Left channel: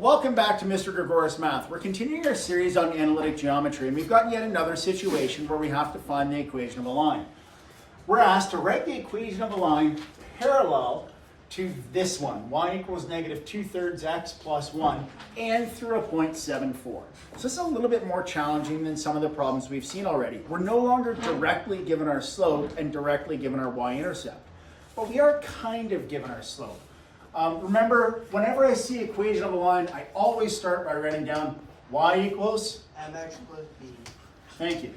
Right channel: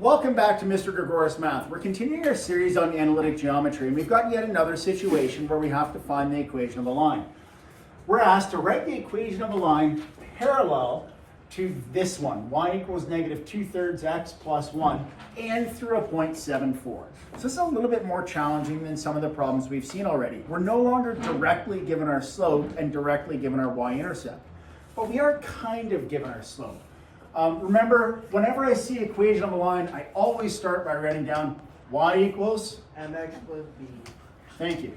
Welcome back to Mr. Gregorius Math. We're continuing our series on analytic geometry, and we've got yet another situation where we have to find the equation of a line. We're asked to write the equation of a line parallel to this one, y equals negative 2/3 x plus 1, and through a point 7,4. So this is a little bit more challenging than some of the problems we've seen already. We're no longer directly given our slope and directly given our y-intercept, but we are kind of given our slope. Remember, whenever I see equation of a line, I always start by writing down y equals mx plus b. Thank you.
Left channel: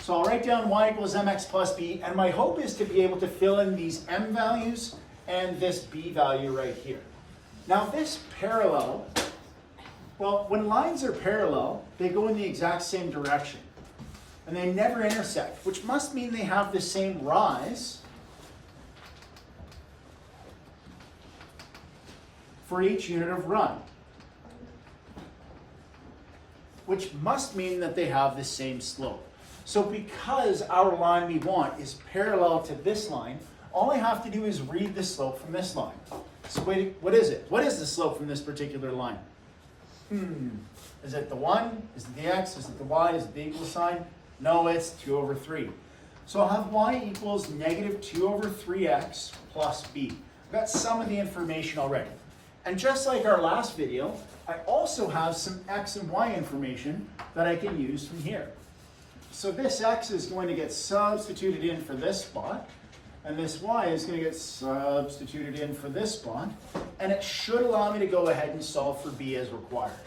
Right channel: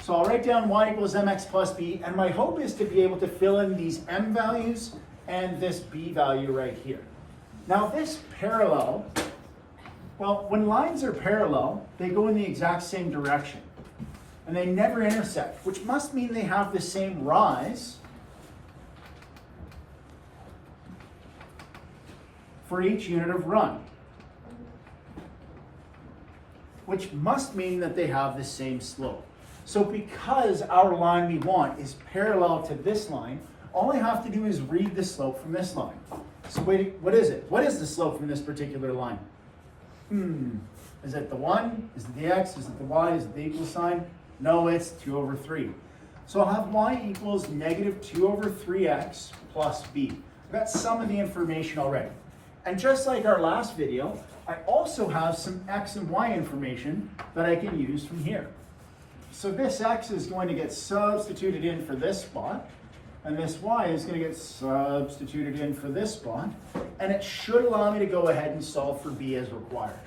So I'll write down y equals mx plus b, and my hope is to be able to fill in these m values and this b value right here. Now this parallel, well, when lines are parallel, they go in the exact same direction, and they never intersect, which must mean they have the same rise for each unit of run, which must mean that they have the same slope. So because our line we want is parallel to this line, all I have to do is read the slope from this line. So wait, what is it? What is the slope from this particular line? Is it the 1? Is it the x? Is it the y? Is it the equal sign? No, it's 2/3. So I'll have y equals negative 2/3x plus b. That's some of the information already. And just like our last video, I also have some x and y information that I can use from here. So this x is going to get substituted in for this spot, and this y is going to get substituted in for this spot, and it should allow me to go ahead and solve for b as required.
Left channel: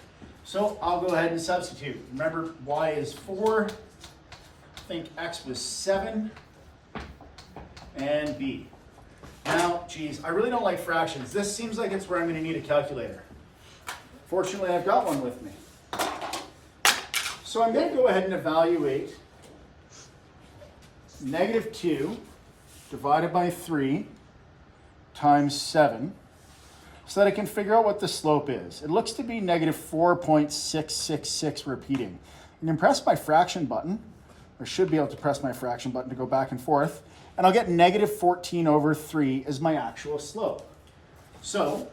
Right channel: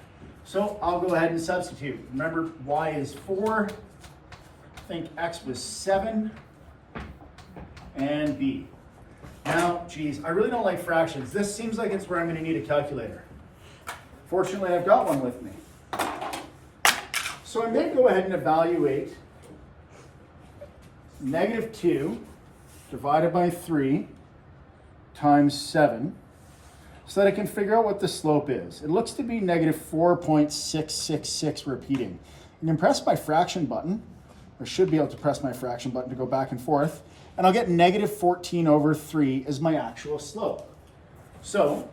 So I'll go ahead and substitute. Remember, y is 4, I think x was 7, and b. Now, geez, I really don't like fractions. This seems like it's where I'm going to need a calculator. Fortunately, I've got one with me. So I'm going to go ahead and evaluate negative 2 divided by 3 times 7 so that I can figure out what the slope is. It looks to be negative 4.666 repeating. I can press my fraction button, or should be able to press my fraction button to go back and forth, and I'll get negative 14/3 as my actual slope. So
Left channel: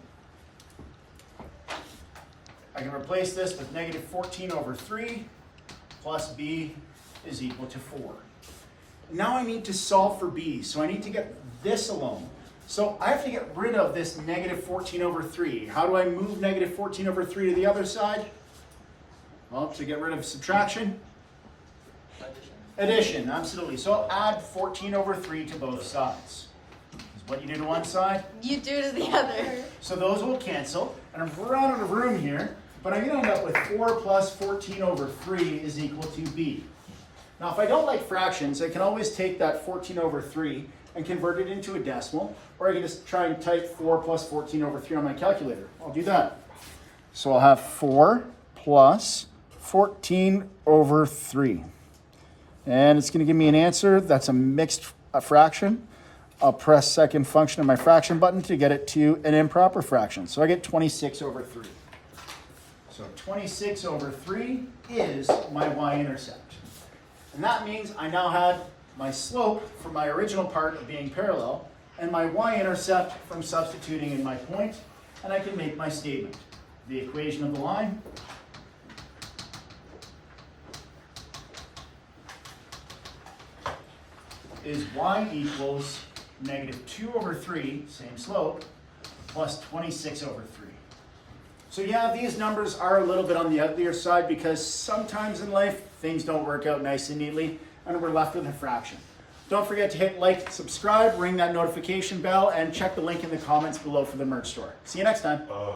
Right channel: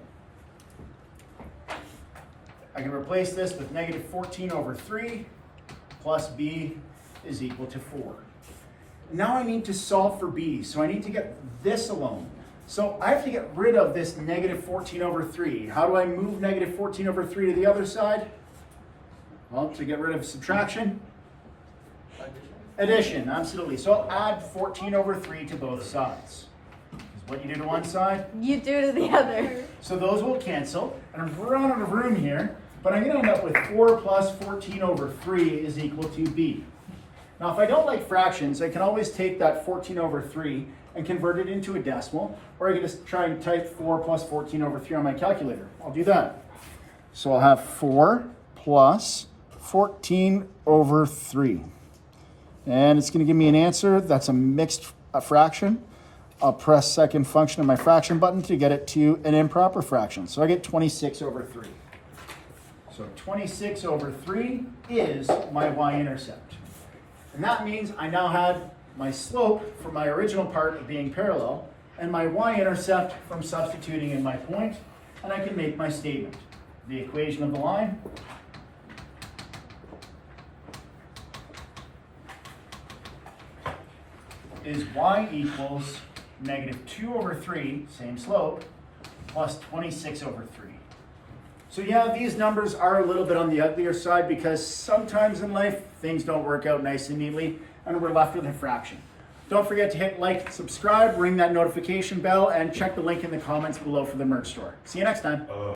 I can replace this with negative 14/3 plus b is equal to 4. Now I need to solve for b, so I need to get this alone. So I have to get rid of this negative 14/3. How do I move negative 14/3 to the other side? Well, to get rid of subtraction, addition, absolutely. So I'll add 14/3 to both sides. Is what you do to one side, you do to the other. so those will cancel, and I'm running out of room here, but I'm going to end up with 4 plus 14/3 is equal to b. Now, if I don't like fractions, I can always take that 14/3 and convert it into a decimal, or I can just try and type 4 plus 14/3 on my calculator. I'll do that. So I'll have 4 plus 14/3. And it's going to give me an answer that's a mixed fraction. I'll press second function of my fraction button to get it to an improper fraction. So I get 26/3. So 26/3 is my y-intercept. And that means I now had my slope from my original part of being parallel and my y-intercept from substituting in my point, and I can make my statement. The equation of the line is y equals negative 2/3, same slope, plus 26/3. So yeah, these numbers are a little bit on the uglier side because sometimes in life things don't work out nice and neatly and we're left with a fraction. Don't forget to hit like, subscribe, ring that notification bell, and check the link in the comments below for the merch store. See you next time.